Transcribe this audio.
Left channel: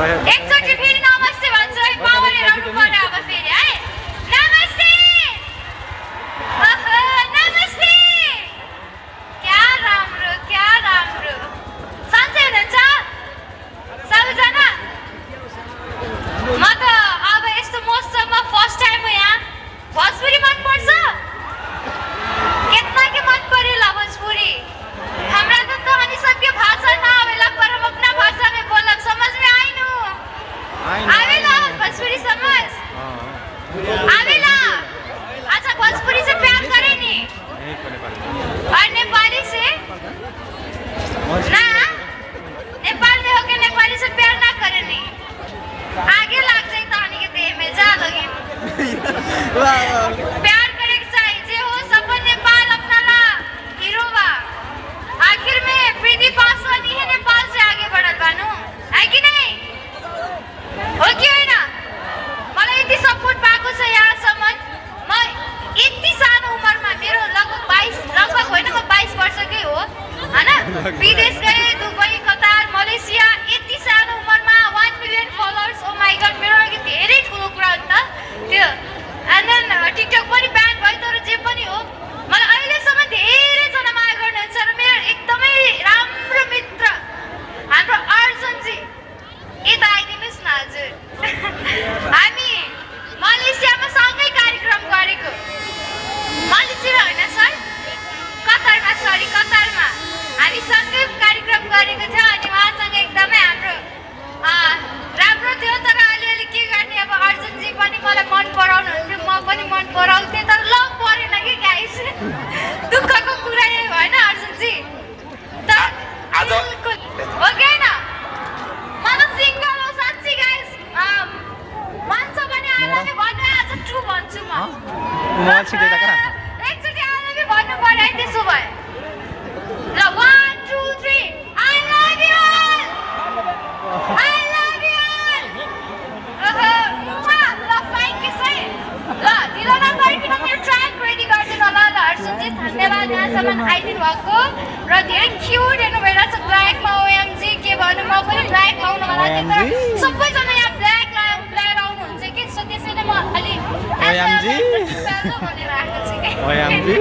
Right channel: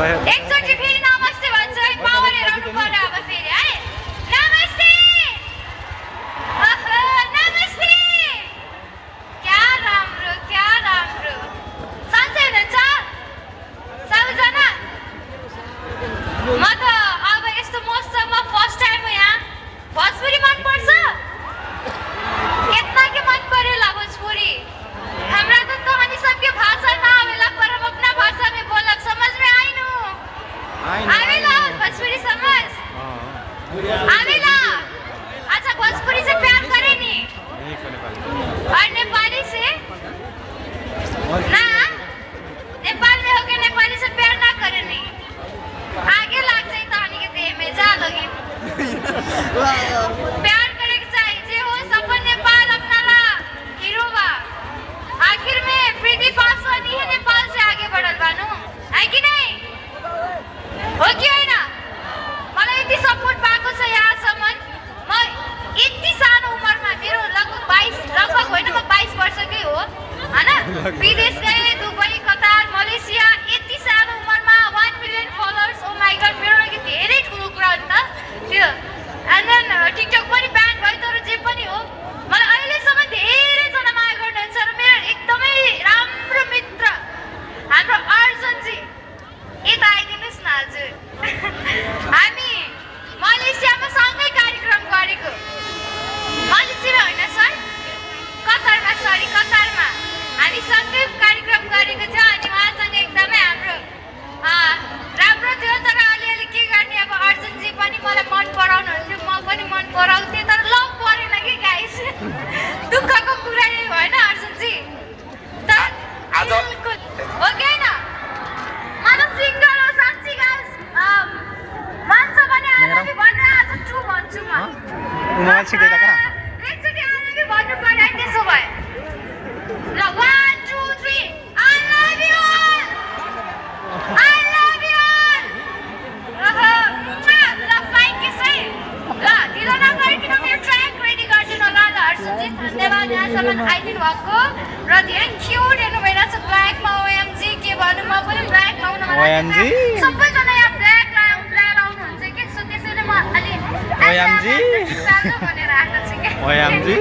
एकचोटि फेरि नमस्ते भन्छु है मावले राउनु पर्यो अब फेरि है नमस्ते नमस्ते क्या राम्रो सन्चै हुनुहुन्छ सबैजना म त अब यस्तो मौसममा फर्स्ट टाइम हो यहाँ भोजपुरी मनपर्छ कितना के मन परेला भोजपुरी हमरा तो कहानी सबके भाषा ना आवेला पर हम अपना भाषा में बोलब समझ में आई नु आवेला भोजपुरी समझ आवेला अच्छा भोजपुरी से प्यार करे नी नहीं को नेपाली और नेपाली से ना नेपाल में होके नेपाली से प्यार ना करे नी आगे लग जाए कहानी के देह में जा लगे प्यार करे चाहिए जे हो सफल नेपाल अपना ला हीरो बा आखिर में प्रीति पासवान ही है नेपाल से आगे बढ़त बानु है कि नहीं हो कि होइन मलाई यति सपोर्ट भएको छ यहाँसम्म म यति सानो उमेरमा मेरो लगभग 22 होइन म 22 वर्षकै हो हैन विदेश गए दुबई कतार मलेसिया यति सानो उमेरमा 1 million followers oh my God मेरो लागि धेरै ठुलो कुरा हो नि त त्यो एन्ड देन टिकटक पनि ब्यान भयो तर जे पनि हो मलाई अहिलेसम्म धेरै जना माया गर्नुहुन्छ र मेरो एकदमै राम्रो मित्र हाम्रो अर्जुनजी यता आइदिनुहोस् न हजुर हामी मलेसियामा सँगै कार्यक्रम गरेको मलेसिया होइन सर कतारमा हामी सँगै कार्यक्रम गरेको थियो अनि उहाँसँग एकदमै हाम्रो राम्रो थियो तर अलिअलि के गर्ने अब अर्जुनजी पनि मलाई मन पराउनुहुन्थ्यो म पनि मन पराउँथेँ तर लभ परेन कि गाइस दुःखको कुरा यही भएन अर्जुनजी तर हो कि होइन म सिङ्गल हो साँच्ची गाइस भन्छ भने आई लभ यु भन्नु आज ट्रु भन्छु म एकचोटि आई लभ यु भन्नु पर्यो है त्यसो भए ल 1 2 3 I love you I love you ल फ्लाइङ किस है ल ढिलो नगरिकन मेरो ट्र्याक रेडी गरिदिनु होला ल हर्षजी धन्यवाद यहाँसम्म आइदिनु भएको र धेरै क्युट हेर्नु भइरहेको छ ब्ल्याकमा ओएमजी के भन्नु म पनि ब्ल्याक लाउन मलाई सबैजना यहाँ ब्ल्याक आउनुहुन्छ कि सो त्यसैले म अलि ओएमजी भनेर आएको छु कि ओएमजी